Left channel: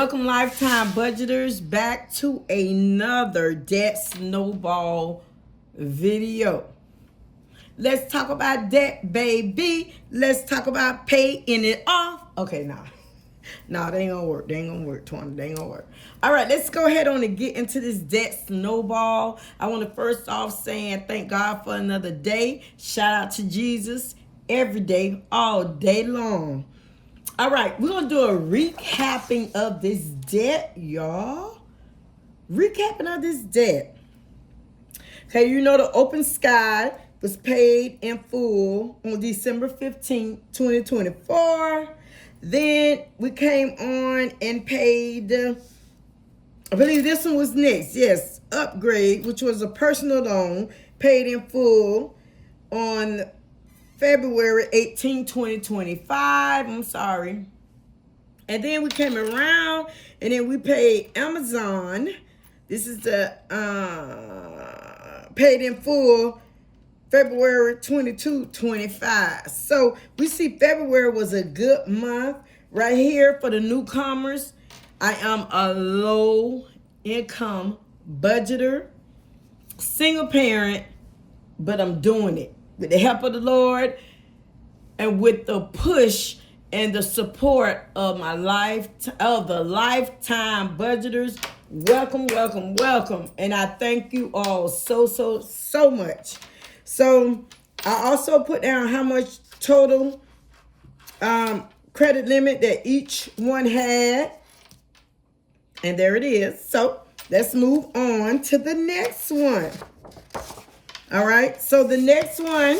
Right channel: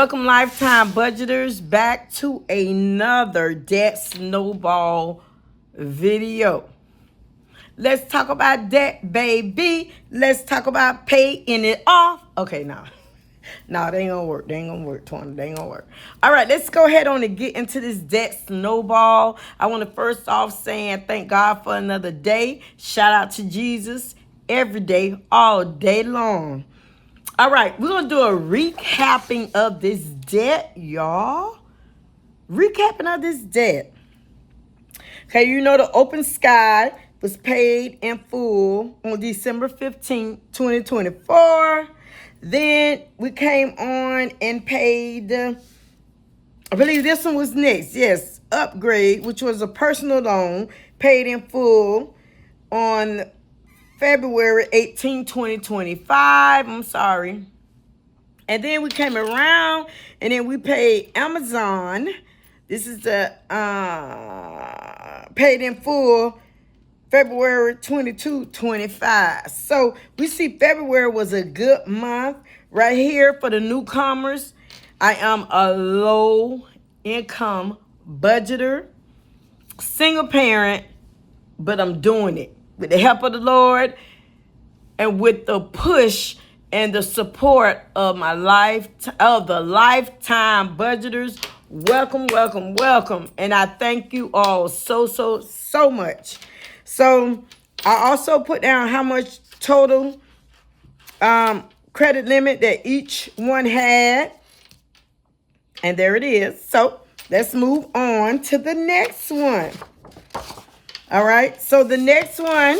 Welcome, lifetime budgeters, back to another debt snowball video. Let's talk about debt, baby. Let's talk about paying it off. Okay, no, they ain't gonna work. They ain't gonna work, Towanda. They ain't gonna work. All right, let's go ahead on and get into this debt snowball. I want to first off saying thank God for another day. Shout out to Jesus every day, all day long. All right, we're going to do a recapping of this debt, y'all. Recapping of this debt. Okay, you know the Open Sky was paid in full on December 15th, 2024. Then we came on and paid, I believe this one was next. Yes, Upgrade, which was a personal loan, paid in full on February 18, 2025. I'm sorry. And then we came around and then we paid Amazon. This is the paid in full February 22, 25. So we see February was a good month right here for the newcomers. I am a low income budgeter, single parent, but I'm doing it with the help of the Lord and with the push and the support of my the lifetime budgeters. Welcome, welcome, welcome. And I thank you all so much. So I also put down how much total credit limit that each one had. And there it is. So let's move on to the next one. All right, so the next one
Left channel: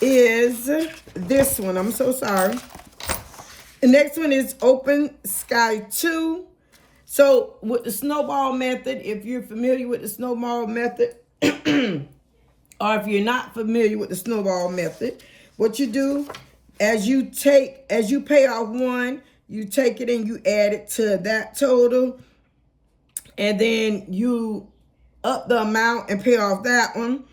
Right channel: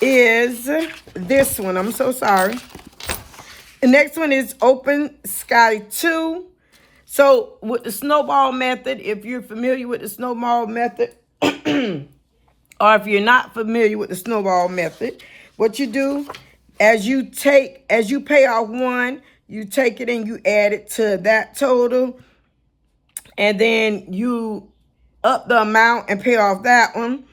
is this one. I'm so sorry. The next one is Open Sky 2. So with the snowball method, if you're familiar with the snowball method, or if you're not familiar with the snowball method, what you do, as you pay off one, you take it and you add it to that total, and then you up the amount and pay off that one.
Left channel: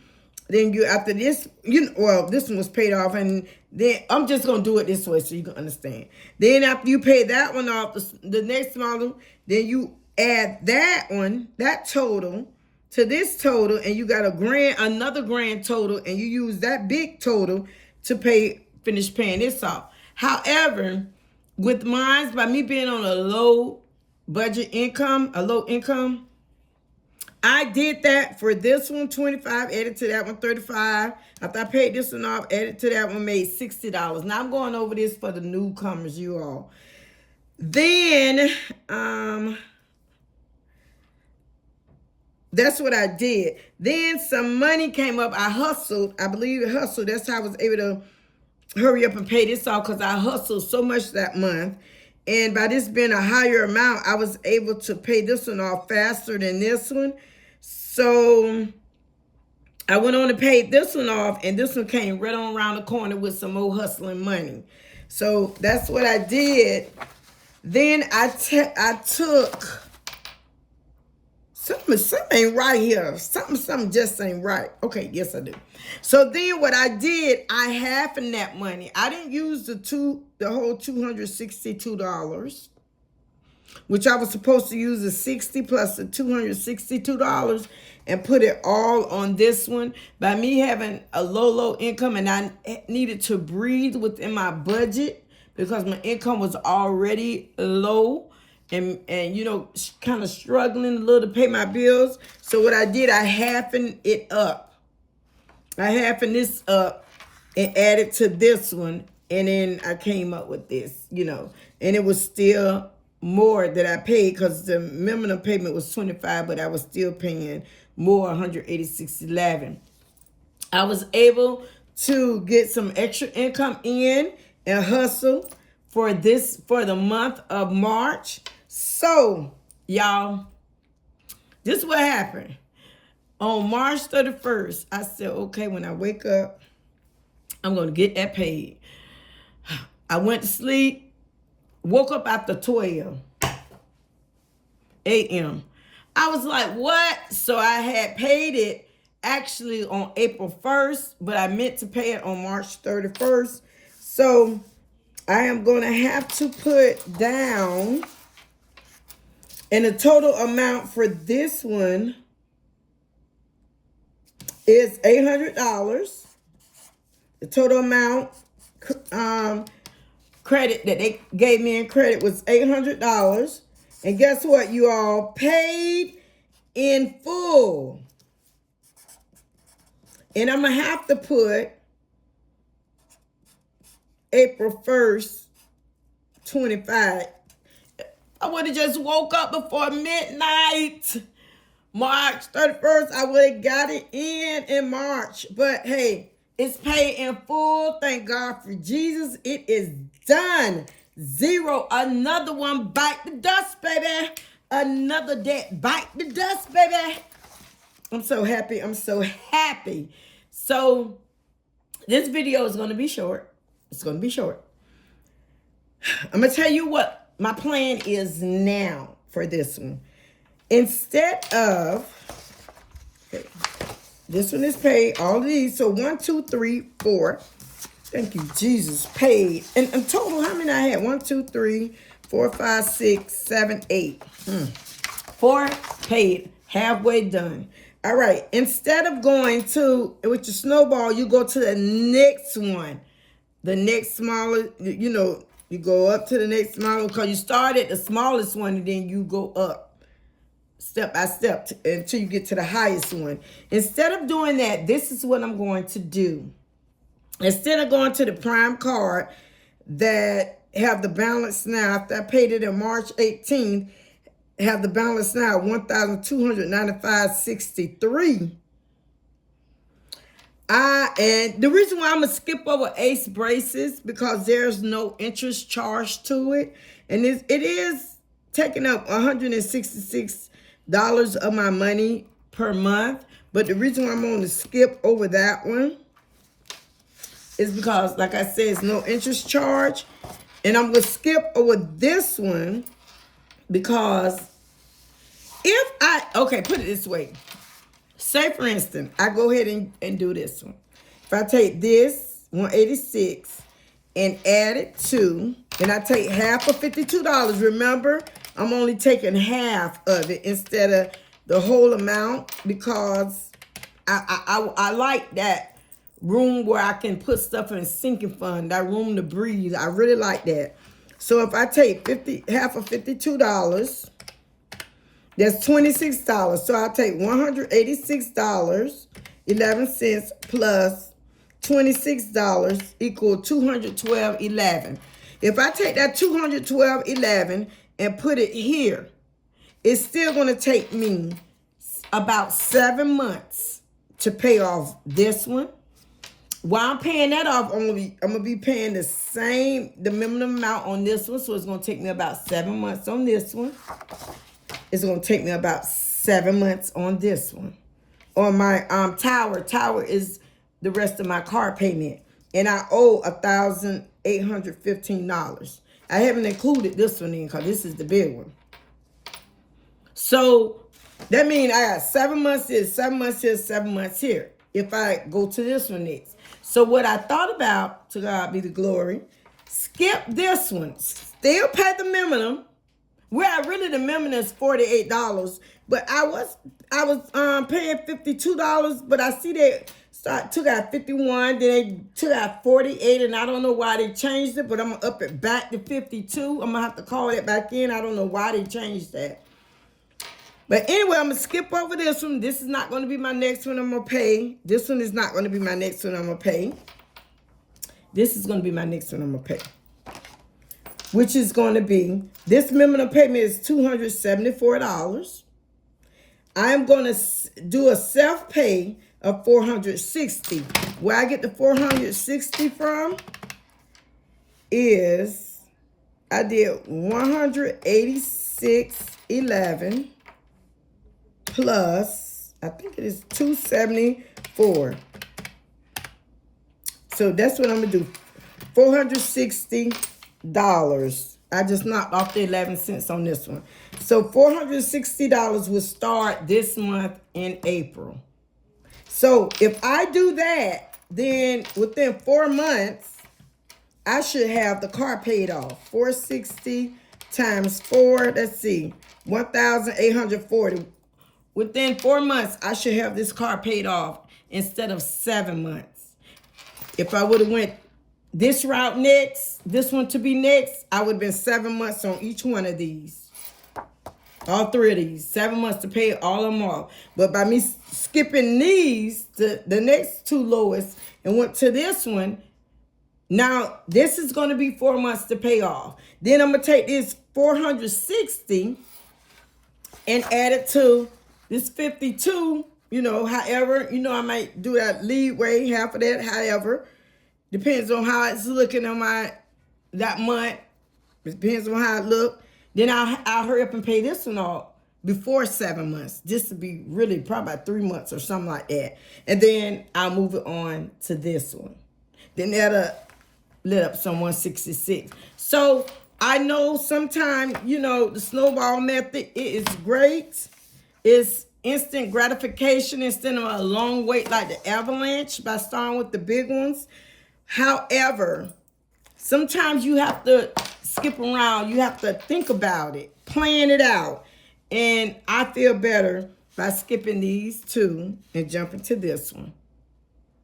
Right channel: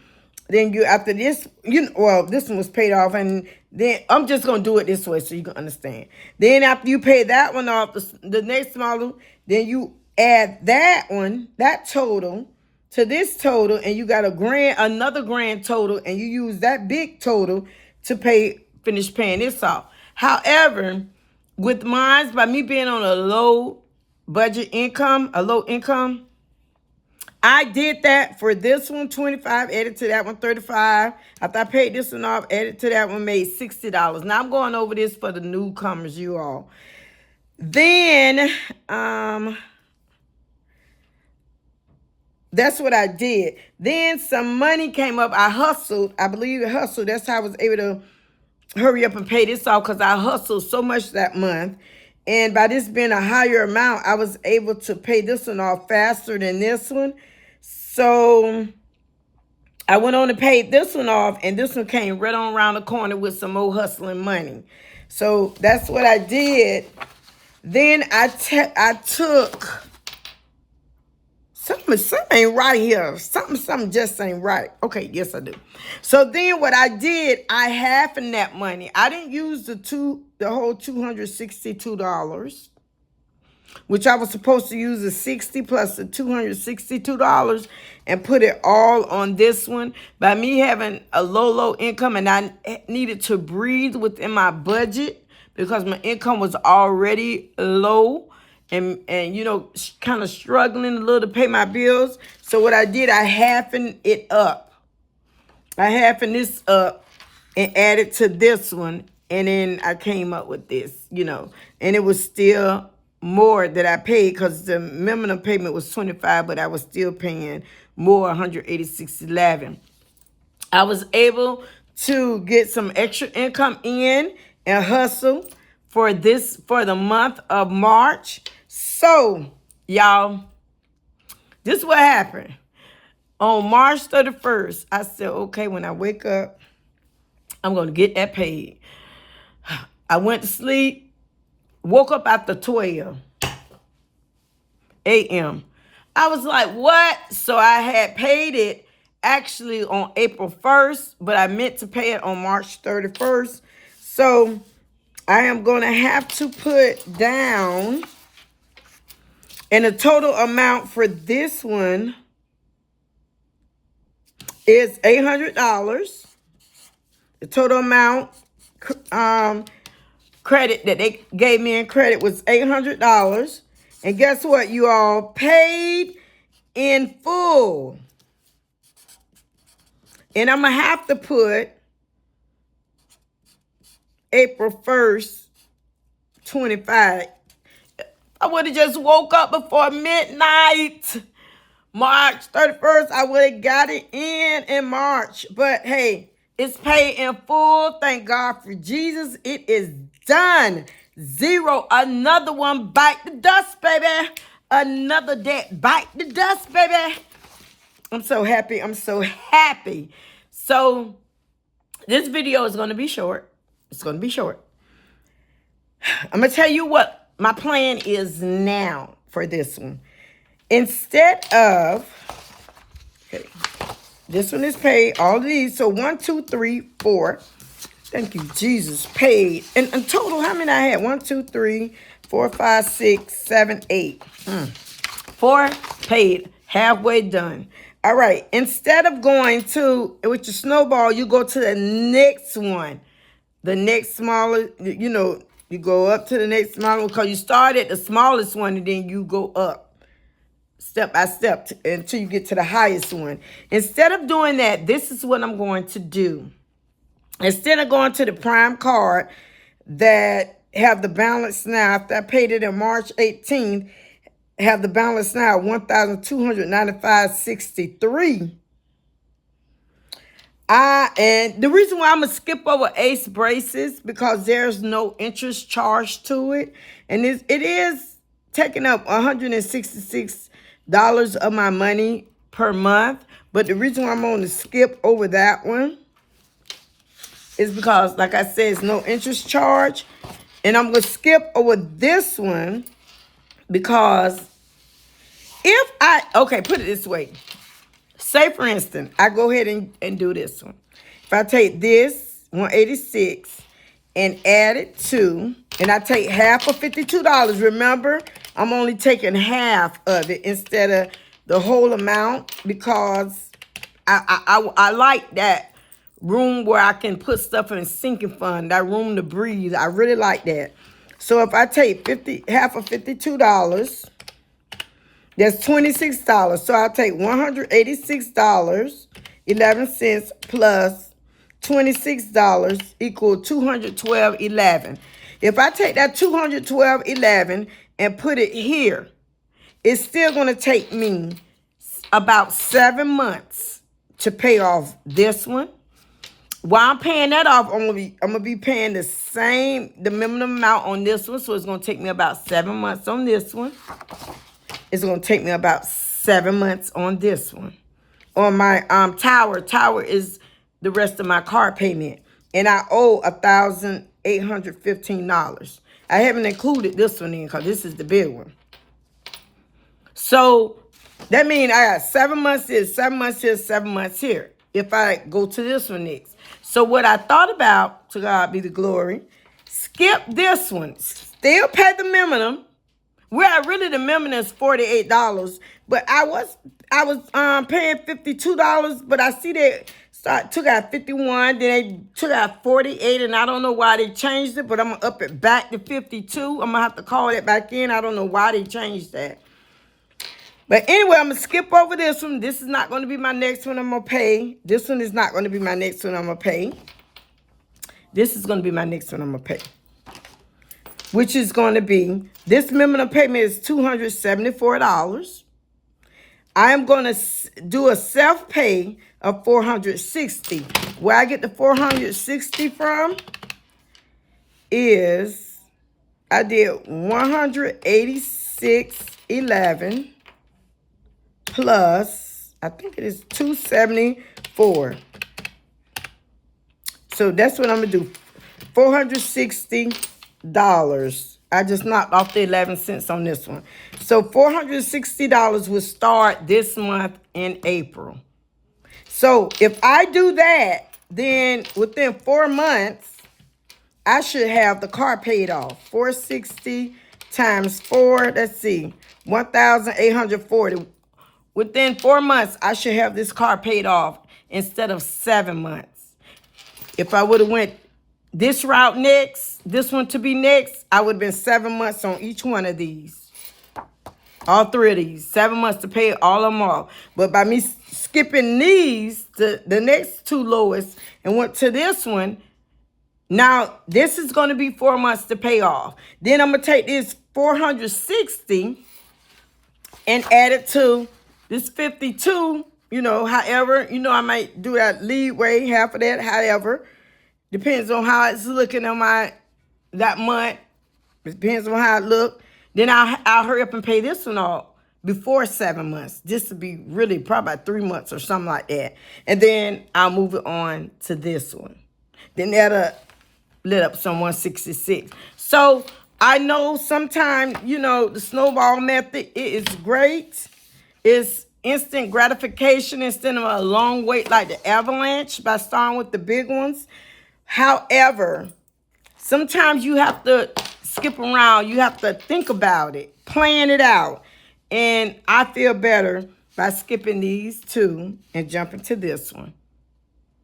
Then you, after this, this one was paid off, and then I'm just going to do it this way so you can understand. Then after you pay that one off, the next model, then you add that one, that total, to this total, and you got another grand total, and you use that big total to finish paying this off. However, with mine, by me being on a low income, I did that for this one, 25, added to that one, 35. After I paid this one off, added to that one, made $60. Now I'm going over this for the newcomers, you all. Then, that's what I did. Then some money came up. I hustled. I believe I hustled. That's how I was able to hurry up and pay this off, because I hustled so much that month. And by this being a higher amount, I was able to pay this one off faster than this one. So I went on and paid this one off, and this one came right on around the corner with some more hustling money. So that's what I did. Then I took, something ain't right here. Something just ain't right. Okay, yes I do. So then what I did, I halved that money. I didn't use the whole $262, which I was supposed to use the 60 plus the $262 and put it all on this one. By me having a low income, and I needed to breathe within my budget because my income was already low and kind of struggling a little to pay my bills. So what I did, I halved it up. I halved this up and added to this one, and then I came up with this, and it was still more that I paid because the minimum payment was $25, but I was still paying more, $186.11. I was able to get some extra income in and hustle for the month of March. So, y'all, this is what happened. On March 31st, I said, okay, when I wake up, I'm going to get that paid. I went to sleep, woke up after 12 a.m. I was like, what? So I had paid it actually on April 1st, but I meant to pay it on March 31st. So I am going to have to put down, and the total amount for this one is $800. The total amount credit that they gave me in credit was $800. And guess what, you all? Paid in full. And I'm going to have to put April 1st, 25. I would have just woke up before midnight. March 31st, I would have got it in March. But hey, it's paid in full. Thank God for Jesus. It is done. Zero. Another one. Bite the dust, baby. Another debt. Bite the dust, baby. I'm so happy. I'm so happy. So this video is going to be short. It's going to be short. I'm going to tell you what my plan is now for this one. Instead of, okay, this one is paid, all of these. So 1, 2, 3, 4. Thank you, Jesus. Paid. And in total, how many I had? 1, 2, 3, 4, 5, 6, 7, 8. 4 paid. Halfway done. All right. Instead of going to, with your Snowball, you go to the next one. The next smaller, you know, you go up to the next smaller one because you start at the smallest one and then you go up step by step until you get to the highest one. Instead of doing that, this is what I'm going to do. Instead of going to the prime card that have the balance now, after I paid it in March 18th, have the balance now $1,295.63. And the reason why I'm going to skip over Ace Braces, because there's no interest charged to it. And it is taking up $166 of my money per month. But the reason why I'm going to skip over that one is because, like I said, it's no interest charge. And I'm going to skip over this one because if I, okay, put it this way. Say, for instance, I go ahead and do this one. If I take this, 186, and add it to, and I take half of $52, remember, I'm only taking half of it instead of the whole amount because I like that room where I can put stuff in a sinking fund, that room to breathe. I really like that. So if I take half of $52, that's $26. So I'll take $186.11 plus $26 equal $212.11. If I take that $212.11 and put it here, it's still going to take me about 7 months to pay off this one. While I'm paying that off, I'm gonna be paying the minimum amount on this one. So it's going to take me about 7 months on this one. It's going to take me about 7 months on this one. On my Tower is the rest of my car payment. And I owe $1,815. I haven't included this one in because this is the big one. So that means I got 7 months here, 7 months here, 7 months here. If I go to this one next. So what I thought about, to God be the glory, skip this one. Still pay the minimum. Well, really the minimum is $48, but I was paying $52, but I see they took out 51, then they took out 48, and I don't know why they changed it, but I'm gonna up it back to 52. I'm gonna have to call it back in. I don't know why they changed that. But anyway, I'm gonna skip over this one. This is not gonna be my next one I'm gonna pay. This one is not gonna be my next one I'm gonna pay. This is gonna be my next one I'm gonna pay. Which is going to be, this minimum payment is $274. I am going to do a self-pay of $460. Where I get the $460 from is, I did $186.11 plus, I think it is $274. So that's what I'm going to do, $460. I just knocked off the 11 cents on this one. So $460 will start this month in April. So if I do that, then within 4 months, I should have the car paid off. 460 times 4, let's see, 1,840. Within 4 months, I should have this car paid off instead of 7 months. If I would have went this route next, this one to be next, I would have been 7 months on each one of these. All 3 of these. 7 months to pay all of them off. But by me skipping these, the next 2 lowest, and went to this one, now this is going to be 4 months to pay off. Then I'm going to take this 460 and add it to this 52, however, I might do that leeway, half of that, however. Depends on how it's looking on that month. It depends on how it look. Then I'll hurry up and pay this one off before 7 months. This would be really probably about 3 months or something like that. And then I'll move it on to this one. Then that'll lit up some 166. So I know sometimes, the snowball method, it is great. It's instant gratification instead of a long wait like the avalanche by starting with the big ones. However, sometimes you have to skip around. You have to think about it, plan it out. And I feel better by skipping these 2 and jumping to this one.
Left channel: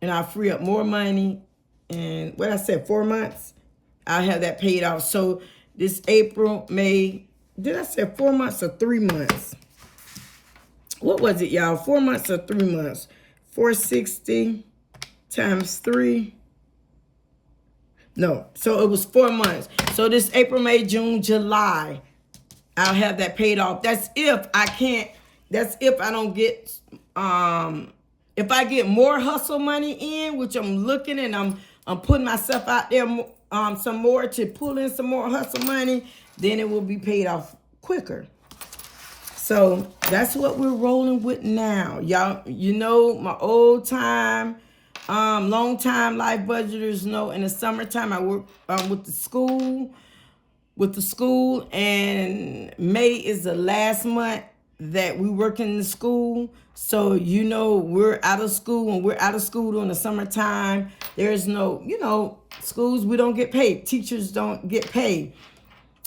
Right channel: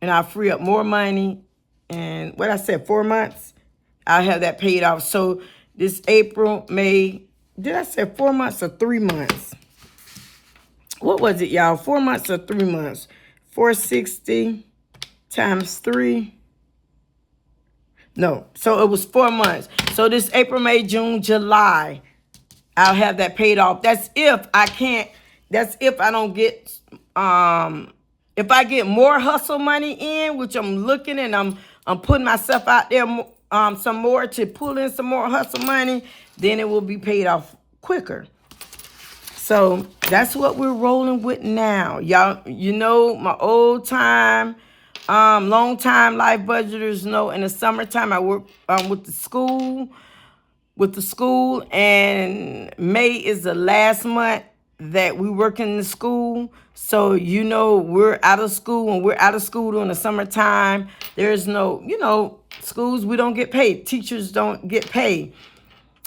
And I'll free up more money. And what I said, 4 months, I'll have that paid off. So this April, May, did I say 4 months or 3 months? What was it, y'all? 4 months or 3 months? 460 times 3. No, so it was 4 months. So this April, May, June, July, I'll have that paid off. That's if I can't, that's if I don't get, if I get more hustle money in, which I'm looking and I'm putting myself out there some more to pull in some more hustle money, then it will be paid off quicker. So that's what we're rolling with now. Y'all, my old time, long time life budgeters know in the summertime I work with the school, and May is the last month that we work in the school. So, we're out of school. When we're out of school during the summertime, there's no, schools, we don't get paid. Teachers don't get paid.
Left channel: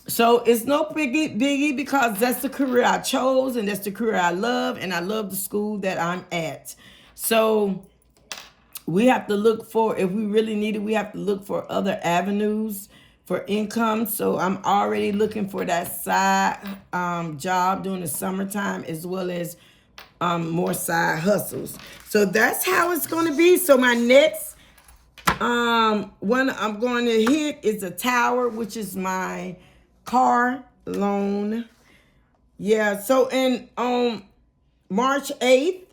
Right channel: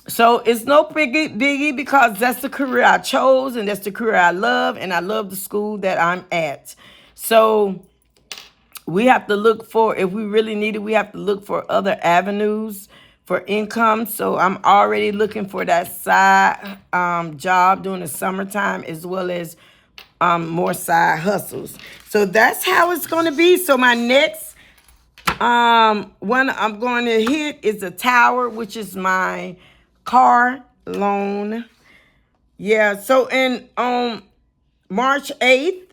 So it's no biggie because that's the career I chose and that's the career I love. And I love the school that I'm at. So we have to look for, if we really need it, we have to look for other avenues for income. So I'm already looking for that side job during the summertime as well as more side hustles. So that's how it's going to be. So my next one I'm going to hit is a tower, which is my car loan. Yeah, so on March 8th,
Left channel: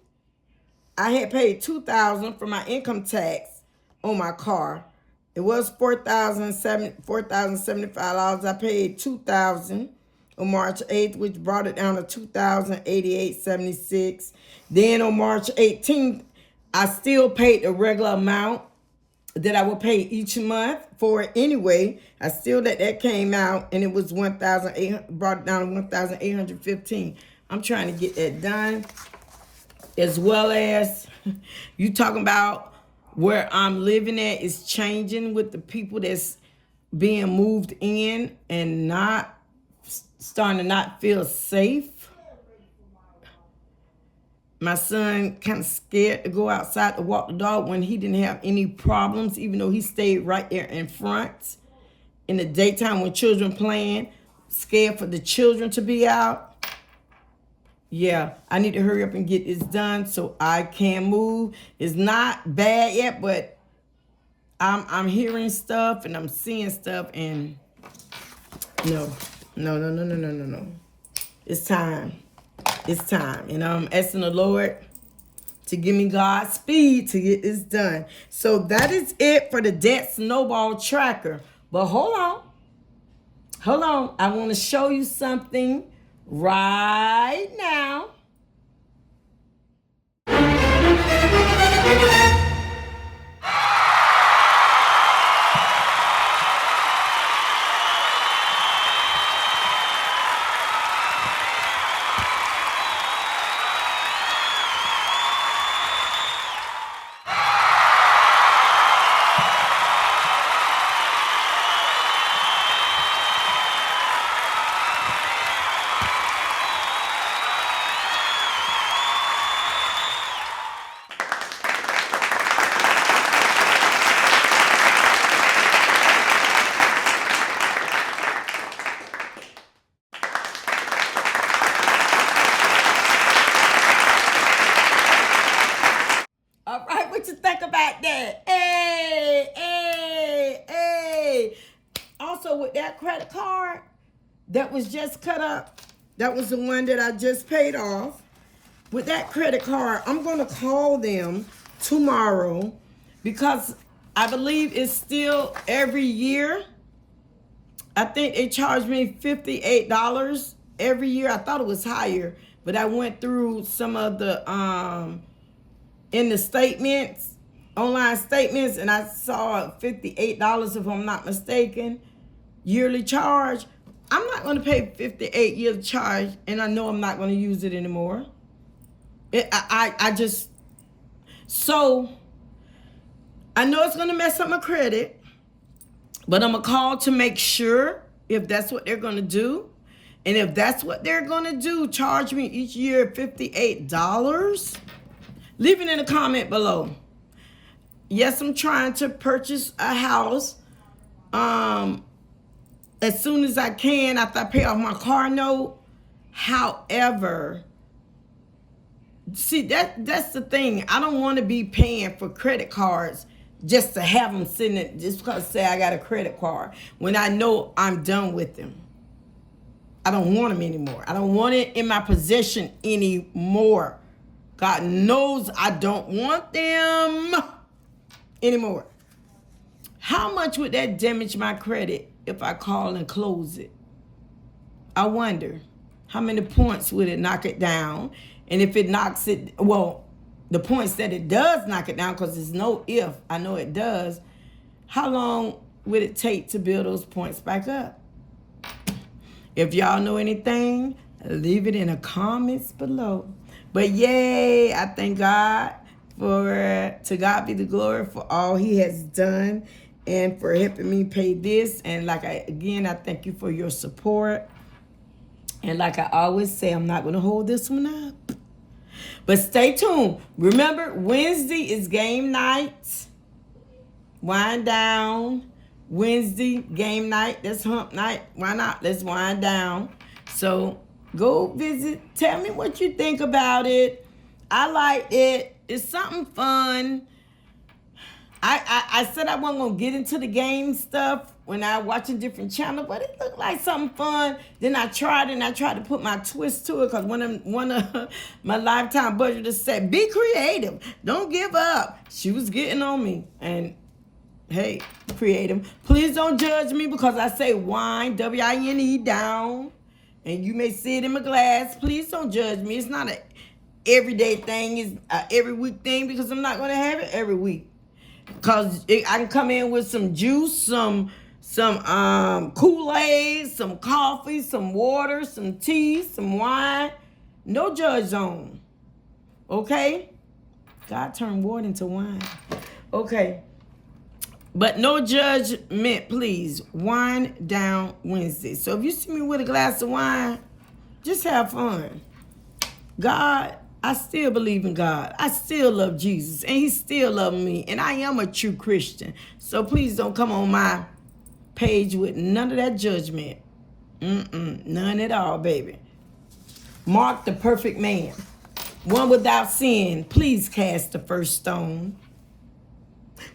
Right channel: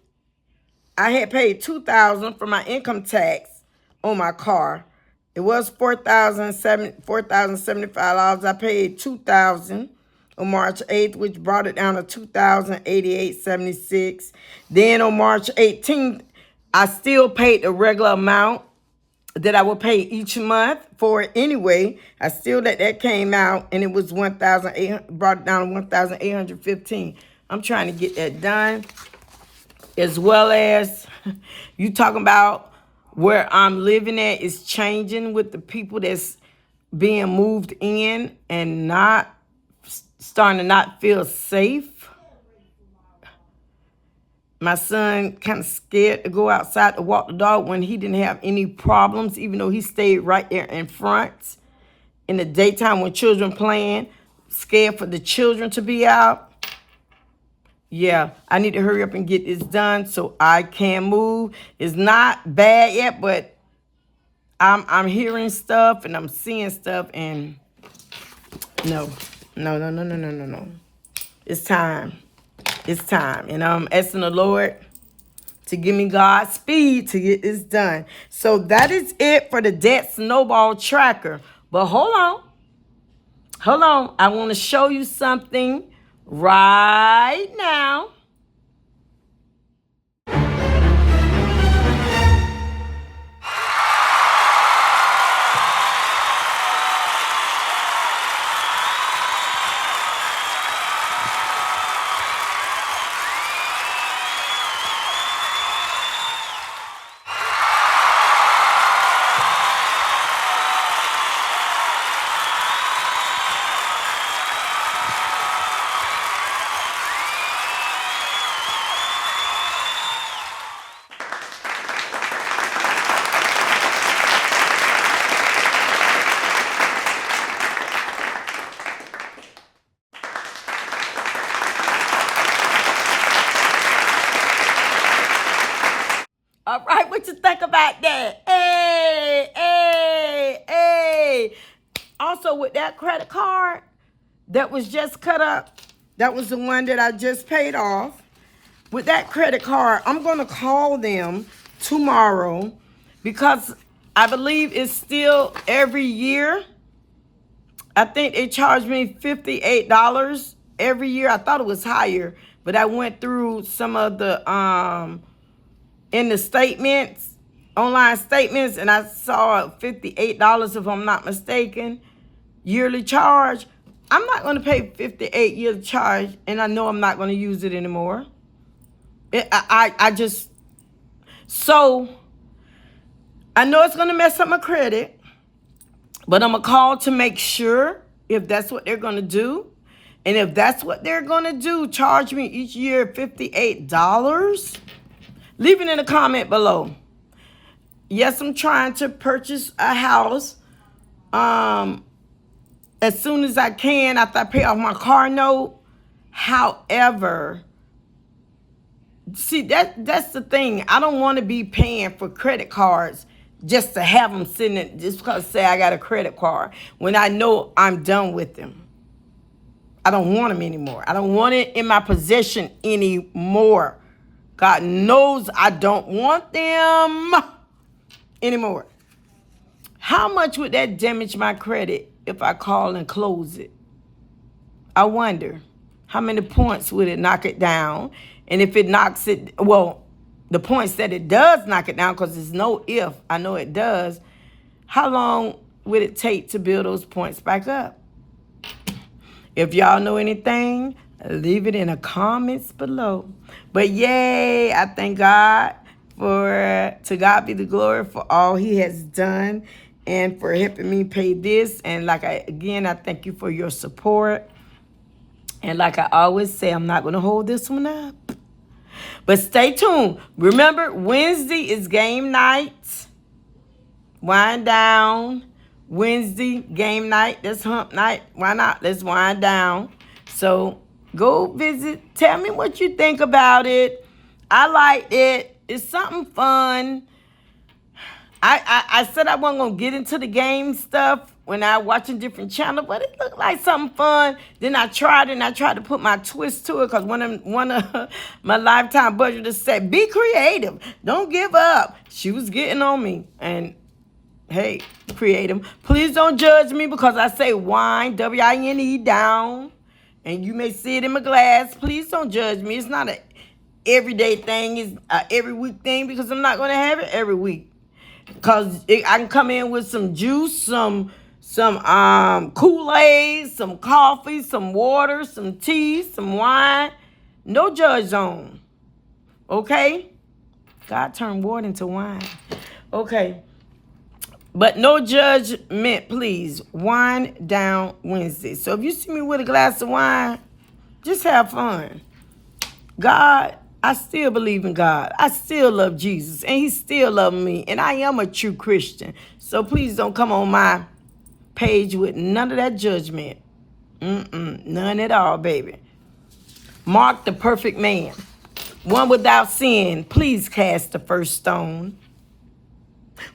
I had paid $2,000 for my income tax on my car. It was $4,075. I paid $2,000 on March 8th, which brought it down to $2,088.76. Then on March 18th, I still paid the regular amount that I would pay each month for it anyway. I still that came out, and it was $1,800, brought it down to $1,815. I'm trying to get that done. As well as you talking about where I'm living at is changing with the people that's being moved in and not starting to not feel safe. My son kind of scared to go outside to walk the dog when he didn't have any problems, even though he stayed right there in front in the daytime when children playing. Scared for the children to be out. Yeah, I need to hurry up and get this done so I can move. It's not bad yet, but I'm hearing stuff and I'm seeing stuff, and no. It's time. It's time. And I'm asking the Lord to give me God's speed to get this done. So that is it for the debt snowball tracker. But hold on. I want to show you something right now. What you think about that? Hey, hey, hey. Also, with that credit card that was just cut up, that was the one that I just paid off. With that credit card, I'm going to call them tomorrow because I believe it's still every year. I think they charge me $58 every year. I thought it was higher, but I went through some of the in the statements, online statements, and I saw $58, if I'm not mistaken, yearly charge. I'm not going to pay $58 yearly charge, and I know I'm not going to use it anymore. So I know it's going to mess up my credit, but I'm going to call to make sure if that's what they're going to do. And if that's what they're going to do, charge me each year $58. Leave it in a comment below. Yes, I'm trying to purchase a house as soon as I can after I pay off my car note. However, see, that's the thing. I don't want to be paying for credit cards just to have them sitting in, just because say I got a credit card when I know I'm done with them. I don't want them anymore. I don't want it in my possession anymore. God knows I don't want them anymore. How much would that damage my credit if I call and close it? I wonder. How many points would it knock it down? And if it knocks it, well, the points that it does knock it down, because there's no if, I know it does, how long would it take to build those points back up? If y'all know anything, leave it in the comments below. But yay, I thank God to God be the glory for all he has done and for helping me pay this. And again, I thank you for your support. And like I always say, I'm not going to hold this one up. But stay tuned. Remember, Wednesday is game night. Wind down. Wednesday, game night. That's hump night. Why not? Let's wind down. So go visit. Tell me what you think about it. I liked it. It's something fun. I said I wasn't going to get into the game stuff when I watching different channels, but it looked like something fun. Then I tried it, and I tried to put my twist to it because one of my lifetime budgeters said, be creative. Don't give up. She was getting on me. And hey, creative. Please don't judge me because I say wine, W-I-N-E, down. And you may see it in my glass. Please don't judge me. It's not an everyday thing. It's an every week thing because I'm not going to have it every week. Because I can come in with some juice, some Kool-Aid, some coffee, some water, some tea, some wine. No judge zone. Okay? God turned water into wine. Okay. But no judgment, please. Wind down Wednesday. So if you see me with a glass of wine, just have fun. God, I still believe in God. I still love Jesus. And he still loves me. And I am a true Christian. So please don't come on my page with none of that judgment. None at all, baby. Mark the perfect man. One without sin. Please cast the first stone.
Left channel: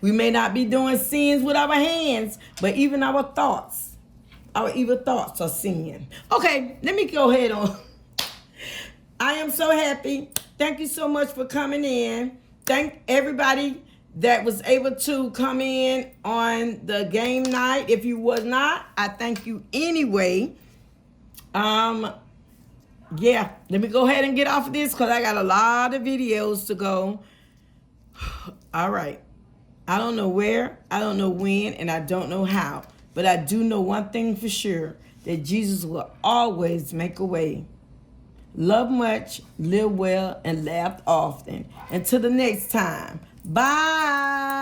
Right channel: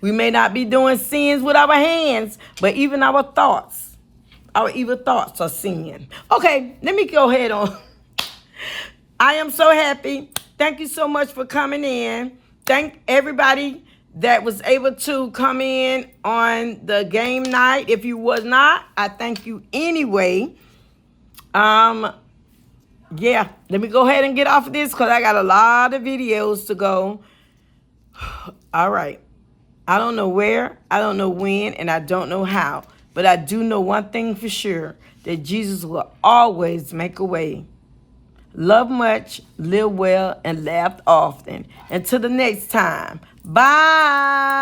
We may not be doing sins with our hands, but even our thoughts, our evil thoughts are sin. Okay, let me go ahead on. I am so happy. Thank you so much for coming in. Thank everybody that was able to come in on the game night. If you was not, I thank you anyway. Yeah, let me go ahead and get off of this because I got a lot of videos to go. All right. I don't know where, I don't know when, and I don't know how. But I do know one thing for sure, that Jesus will always make a way. Love much, live well, and laugh often. Until the next time. Bye.